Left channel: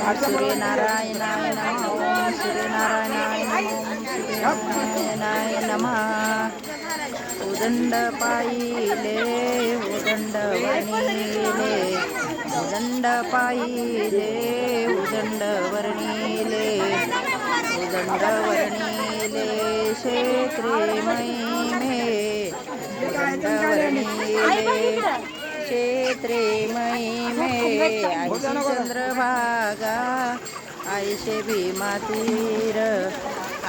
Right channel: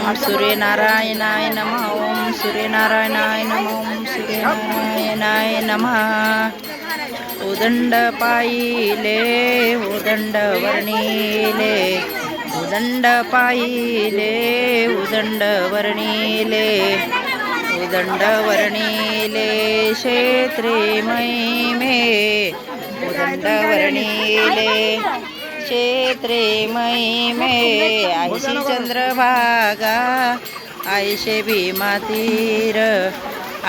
ओम सूर्यनारायणाय नमः। ओम सूर्यनारायणाय नमः। ओम सूर्यनारायणाय नमः। उदंड पाहिले उदंड वर्णिले उदंड पाहिले उदंड वर्णिले उदंड वर्णिले क्षेत्रे मे उदंड वर्णिले क्षेत्रे महिमे आयशी चंद्रभागा आयशे भीमातीर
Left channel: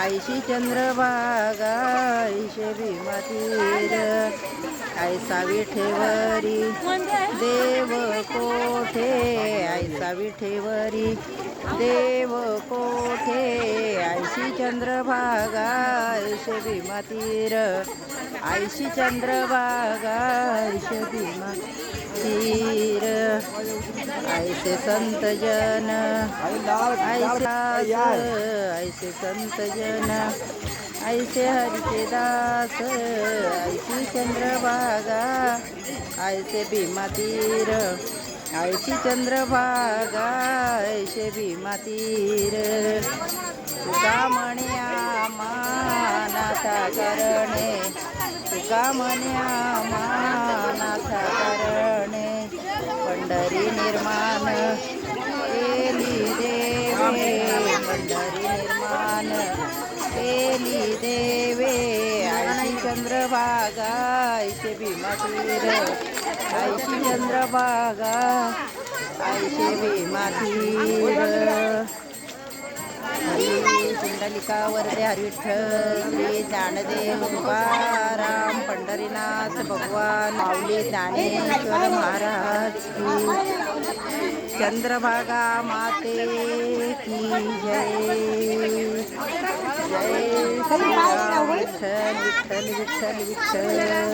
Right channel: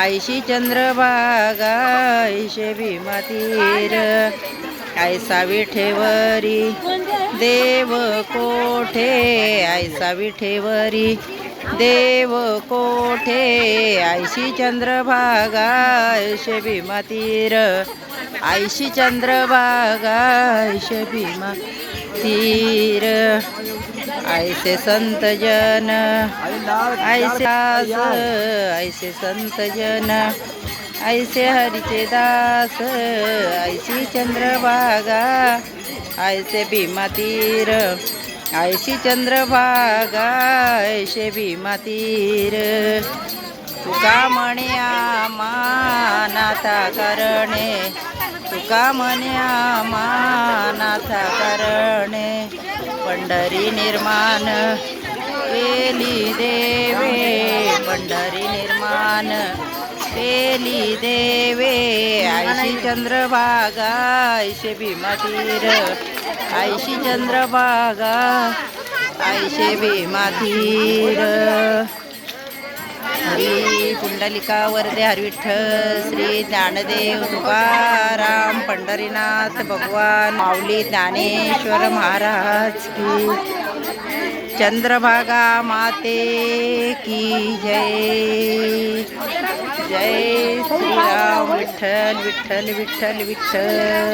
आयशी चंद्रभागा आयशे भीमातीर आयसा विठेवरी देव कोठे आयसा विठेवरी देव कोठे आयशी चंद्रभागा आयशे भीमा तीर आयशी चंद्रभागा भीमा तीर आयसे संत जन ऐसे दास ऐसे संत जन ऐसे हरिचे दास ऐशी चंद्रभागा ऐसे भीमा तीर ऐशी चंद्रभागा ऐसे भीमा तीर तुका म्हण्या मानाथा करणे. तुका म्हण्या मानाथा करणे. पंढरी निर्माण केली देवे. पंढरी निर्माण केली देवे. आयशी चंद्रभागा आयशे भीमातीर. आयशी चंद्रभागा आयशे भीमा श्री पुंडलिका वरदे हरविठ्ठल श्री ज्ञानदेव तुकाराम पंढरीनाथ भगवान माऊली ज्ञानेश्वर महाराज की चंद्रभागा माते की जय। जय श्रीराम विठ्ठल विठ्ठल विठ्ठल विठ्ठल।